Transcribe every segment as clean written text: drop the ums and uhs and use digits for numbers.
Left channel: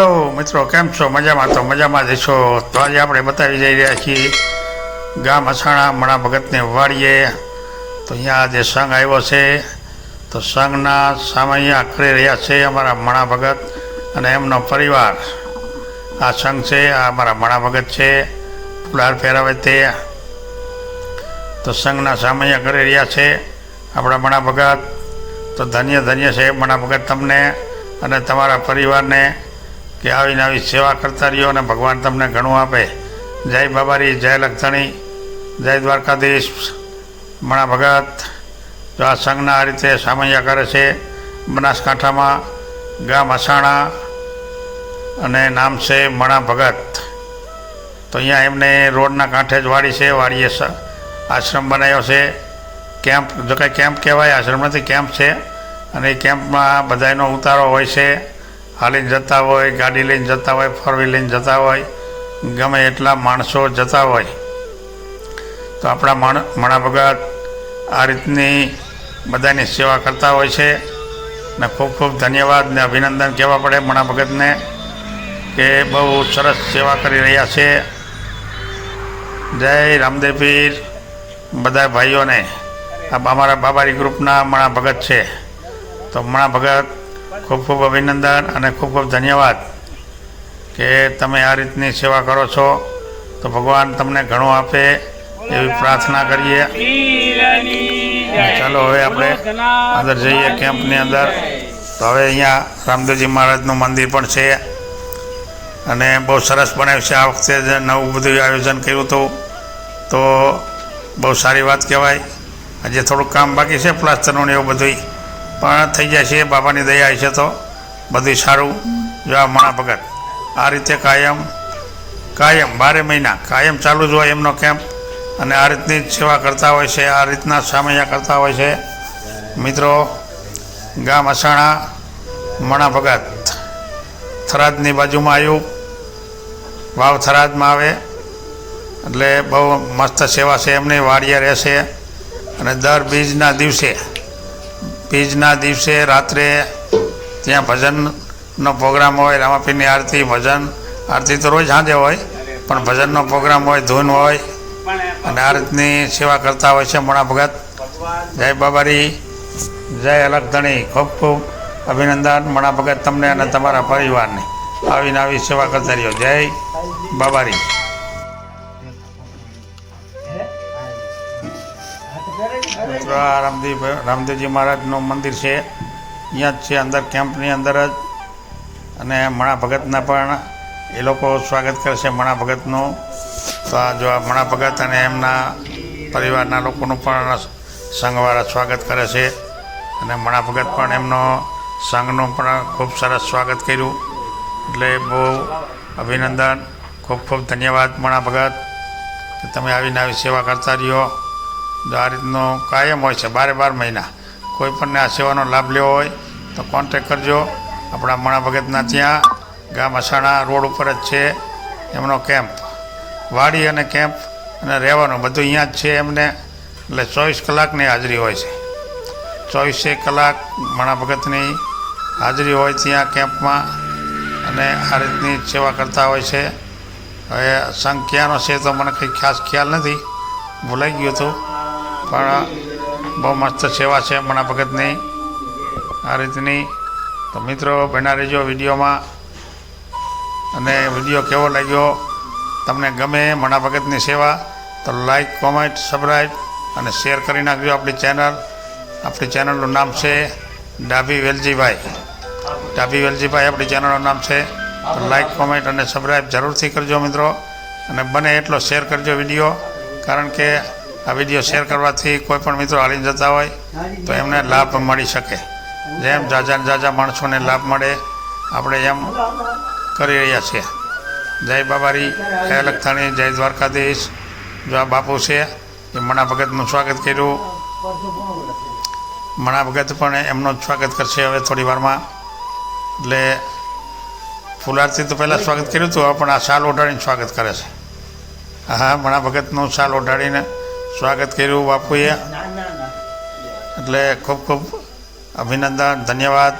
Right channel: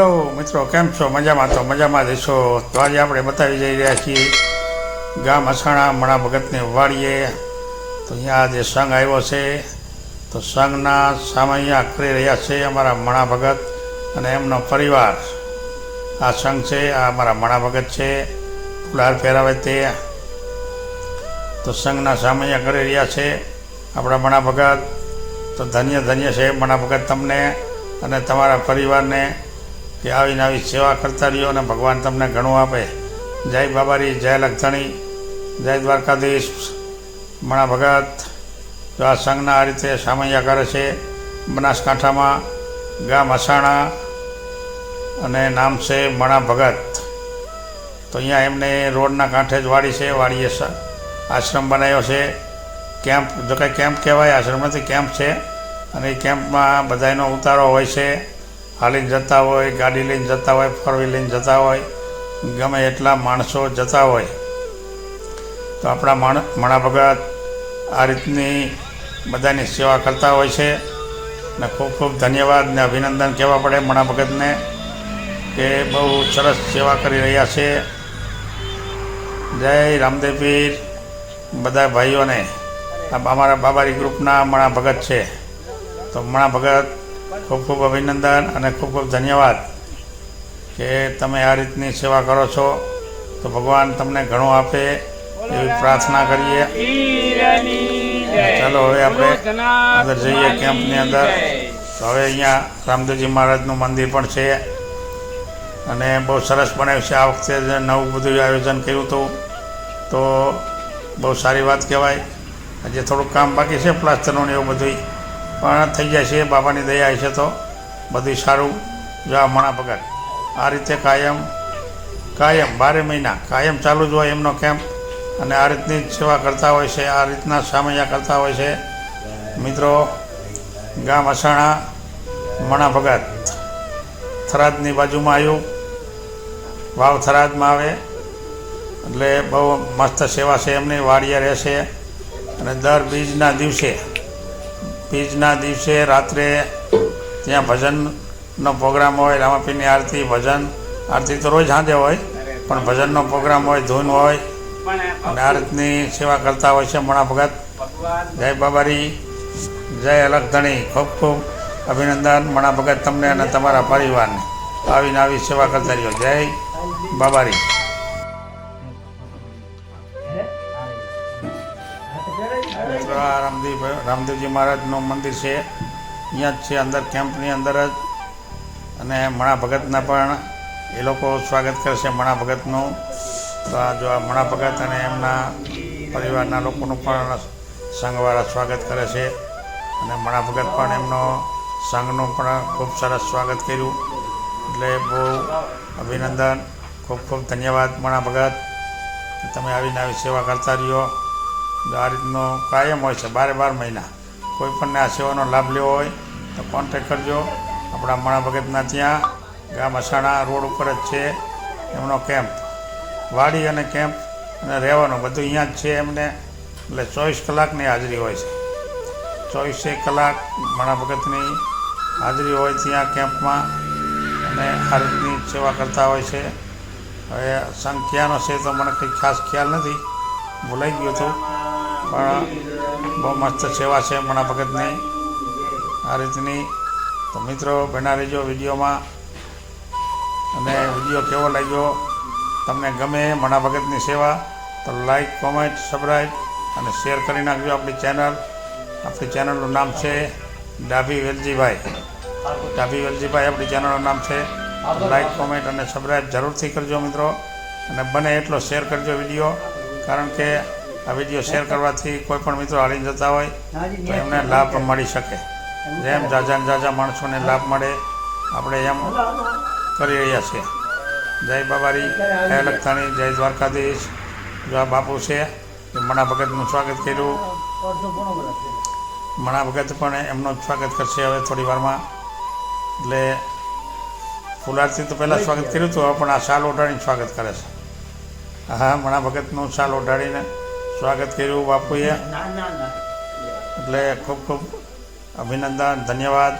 Hello મિત્રો, કેમ છો? મજામાં? તો મજામાં જ છો. તો આજે આપણે બતાવી જઈ રહ્યા છીએ ગામ અછાણા મણા ભગતને વાડીએ. તો અહીંયા જે સંઘ આવ્યો છે, તો સંઘના સામે અહીંયા કરી રહ્યા છે અમારા મણા ભગત અને એમનો પરિવાર. આ સંઘ છે, આ અમારા મણા ભગત છે, ફુલાર પહેરાવે તે. તો સંઘના સામે અહીંયા કરી રહ્યા છે આપણા મણા ભગત. તો ધન્ય ધન્ય છે મણા ભગત તમને અને તમારા પરિવારને, કે આવીને આવી સેવા કરતા રહ્યો અને ભગવાન તમને ઘણું આપે. જય બાબારી, જય લખધણી, જય દ્વારકાધીશ. મણા ભગત જો આ સંઘના આ રીતે સામૈયા કરે છે બનાસકાંઠામાં, ગામ અછાણા અને નામ છે મણા ભગત. તો અહીંયા એમને રોડના કાંઠે જ વાડી છે, વાડીએ આશ્રમ બનાવ્યો છે. કેમ્પ, જો કંઈ કેમ્પ કહેવાય, આશ્રમ નથી, કેમ્પ છે. અને એ કેમ્પમાં બધાનો ઉતારો હોય છે. હાલીને જતા હોય, ગાડી લઈને જતા હોય, ફોર વ્હીલ લઈને જતા હોય, ગમે એટલા માણસો જતા હોય. તો આપણા મણા ભગત આ રીતની બધાની સેવા કરતા હોય છે. ને ખૂબ ખૂબ ધન્યવાદ ને અભિનંદન કહેવા પડે મણા ભગતને, કે બહુ સરસ સેવા કરી રહ્યા છે. જય રામદેવ પીર બધા ભાઈઓને. આ અમારા બાબારી ગ્રુપના મણા ભગત છે. તો મણા ભગત ખૂબ ખૂબ અભિનંદન અને ખૂબ ખૂબ ધન્યવાદ કે તમે આ રીતની સેવા કરો છો. તો ભગવાન તમને ઘણું આપે એવી પ્રાર્થના કરીએ. ચાલો હવે આપણે અંદર જઈએ કેમ્પની અંદર. તો હવે અહીંયા રામદેવજી મહારાજનું મંદિર પણ છે અને બહુ સરસ બનાવ્યું છે. આ વખતે નવું બધું આયોજન કર્યું હતું, તો બહુ સારી વાત કહેવાય. હજી થોડુંક કામ બાકી છે પ્લાસ્ટરનું ને એવું બધું, પણ થઈ જાય છે બાબાની દયા છે. તો બધું સારું. જો આ મણા ભગત આ રીતે કાયમ 12 મહિના કાયમ ચાલુ જ હોય એમનો કેમ્પ, અને આ રીતની જ સેવા કરતા હોય છે, આ રીતના સામૈયા કરતા હોય છે. મિત્રો, ગામ અછાણા મણા ભગત થરાદની બાજુમાં આવ્યું, વાવ થરાદમાં આવે. એટલે બહુ મસ્ત સેવા છે એમની. વાડીએ રહેશે અને દર બીજના દિવસે રાત્રે ત્યાં ભજનનો પ્રોગ્રામ હોય. રામાપીરની આરતી, ભજન આરતી તો રોજ સાંજે હોય, પણ ભજનનો પ્રોગ્રામ હોય, ધૂન હોય, અને આ રીતની સેવા કરતા હોય છે મણા ભગત. જય બાબારી, જય લખધણી. ખૂબ ખૂબ અભિનંદન મણા ભગત તમને અને તમારા પરિવારને. આવીને આવી સેવા કરતા રહ્યો. જય બાબારી. રામદેવજી મહારાજનું મંદિર છે, અહીંયા જ છે અંદર, કેમ્પની અંદર જ. અને મણા ભગતના પણ એ લોકો સ્વાગત કરે છે મણા ભગતનું. તો આ જો આ મણા ભગત અને એમના પરિવારના લોકોનું પણ સંઘવાળા સ્વાગત કરે છે. અને મણા ભગત પણ એમનો સંઘનું પણ ખૂબ સરસ સ્વાગત કર્યું. એટલે બહુ અભિનંદન, ખૂબ ખૂબ ધન્યવાદ મણા ભગત. તમે આવીને આવી સેવા કરતા રહ્યો. આ રીતનો કાયમ હોય છે 12 મહિના. કોઈ પણને આ સેવાનો લાભ લેવો હોય તો કોન્ટેક કરજો. આપણા મણા ભગતના ત્યાં ગામ અછાણા રોડ ઉપર જ છે એમનો કેમ્પ. વાડી અને કેમ્પ અને રહેવાનું બધું અહીંયા જ છે એમને. એટલે 24 કલાકની હાજરી હોય છે. 24 કલાક મણા ભગતની હાજરી હોય ત્યાં કેમ્પમાં, અને આ રીતની સેવા કરતા હોય છે. હવે સંઘ ક્યાંનો છે તો મને કંઈ ખાસ ખ્યાલ નથી, ભૂલાઈ ગયું હતું. પણ બહુ મસ્ત સેવા છે મણા ભગતની આ રીતની. તો મિત્રો, બના રહેજો વિડીયોમાં. અને વિડીયો કેવો લાગ્યો, તમને ગમે મણા ભગતની સેવા, તો લાઈક, કોમેન્ટ, સબસ્ક્રાઈબ અને શેર કરી નાખજો. આપણી ચેનલનું નામ છે ડાભી વેલજીભાઈ. આપણી ચેનલનું નામ છે. તો લાઈક, કોમેન્ટ અને સબસ્ક્રાઈબ જરૂરથી કરજો મિત્રો. અને બને એટલો શેર કરજો વિડીયો, કારણ કે આ વિડીયો શેર કરવાથી કોઈ પણ મિત્રો હાલીને જતા હોય તો એમને લાભ મળી શકે. જેમ જાજા માણસોને લાભ મળે, આપણે એમ કરી રહ્યા છીએ. જય બાબારી, જય લખધાણી, જય દ્વારકાધીશ. જો આ બાપુ છે એ મણા ભગતનું સ્વાગત કર્યું. મણા ભગત પણ એમનું જ સ્વાગત કરશે હવે થોડી વારમાં. એટલે ફુલારથી તો પહેલાં સ્વાગત કર્યું હતું, હવે પણ આ શાલ ઓઢાડીને સ્વાગત કરે છે. હા, મણા ભગતનું શાલ ઓઢાડીને સ્વાગત કર્યું બાપુએ. એટલે ખૂબ ખૂબ અભિનંદન, ધન્યવાદ.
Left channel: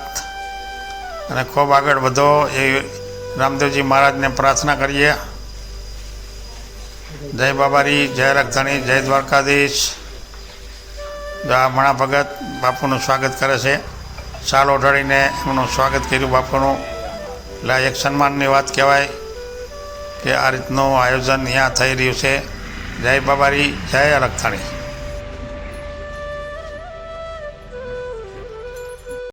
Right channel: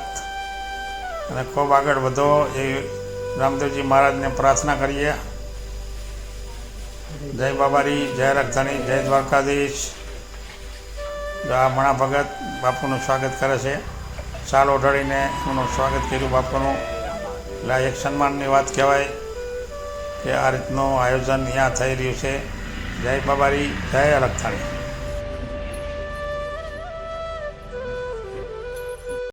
અને ખૂબ આગળ વધો રામદેવજી મહારાજને પ્રાર્થના કરીએ. જય બાબારી, જય લખધણી, જય દ્વારકાધીશ. આ મણા ભગત બાપુનું સ્વાગત કરે છે. શાલ ઓઢાડીને એમનું સ્વાગત કર્યું બાપુનું. એટલે આ એક સન્માનની વાત કહેવાય કે આ રીતનું આયોજન અહીંયા થઈ રહ્યું છે. જય બાબારી, જય લખધણી.